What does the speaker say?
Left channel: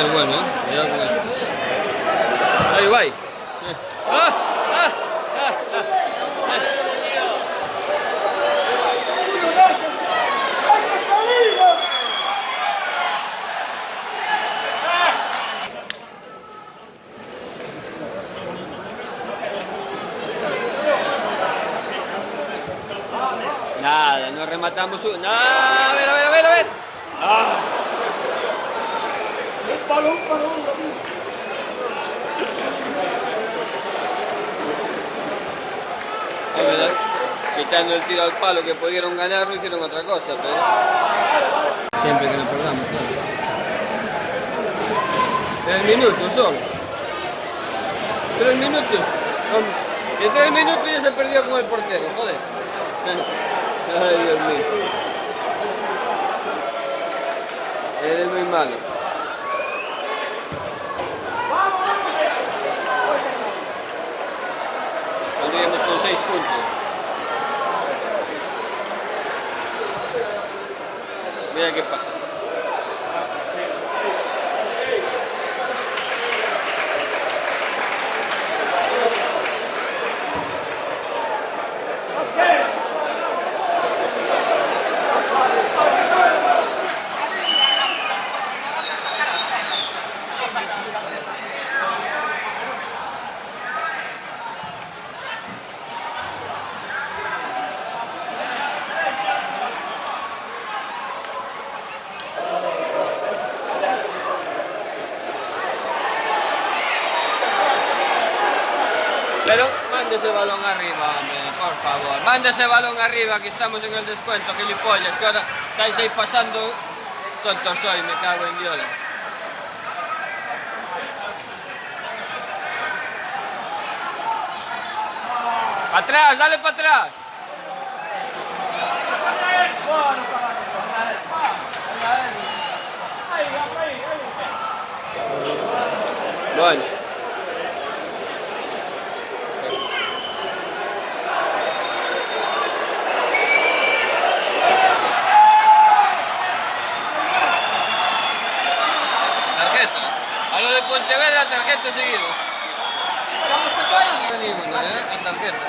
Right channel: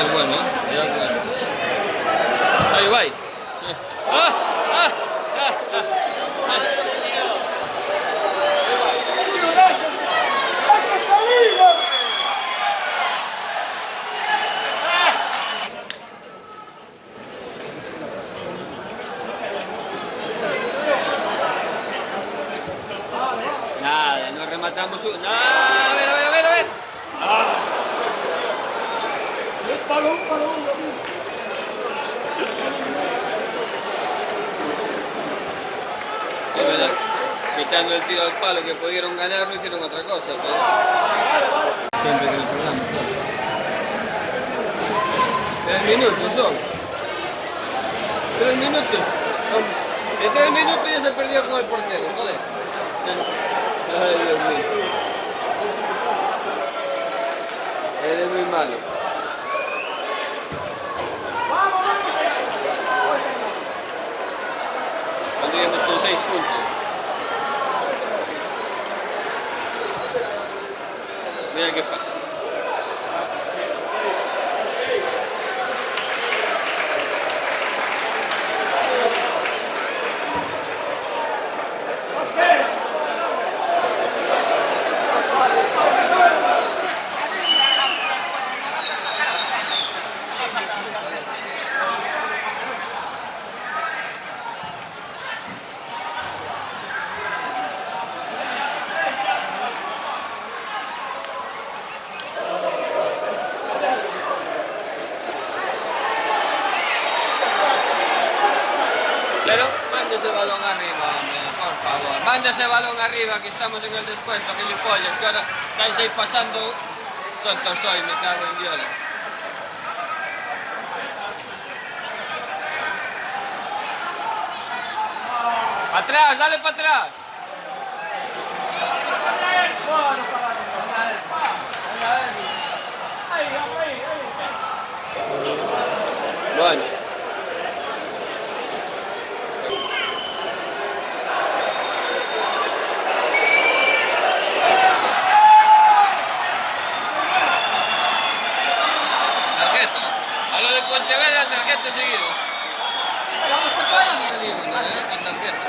Este es bueno, ¿eh? Cuidado con este. Ahí va. Nada, no rematamos. Nada, a ver, a ver, a ver, a ver. ¡Ah! Es verdad, quitando el tiro al palo que pudieron ganar, no hicieron otra cosa, pero siempre que nos perdamos, claro. 3 minutos son. 3 minutos. En 3 minutos ya se perdió con el portero, joder. Ay, Dios mío. Eres muy malo. Salíamos con 6 puntos. Mira qué pasa. Pero manda ese balón arriba, hombre, por favor. Manda ese balón arriba, que estamos en el descuento, gilipollas. Que ahora estáis ahí pasando. Tonto soy, me cago en Dios. ¡Atrás, dale para atrás! Bueno. Tarjeta. A lo de Pontevedra, tarjeta seguido. A tarjeta, tarjeta.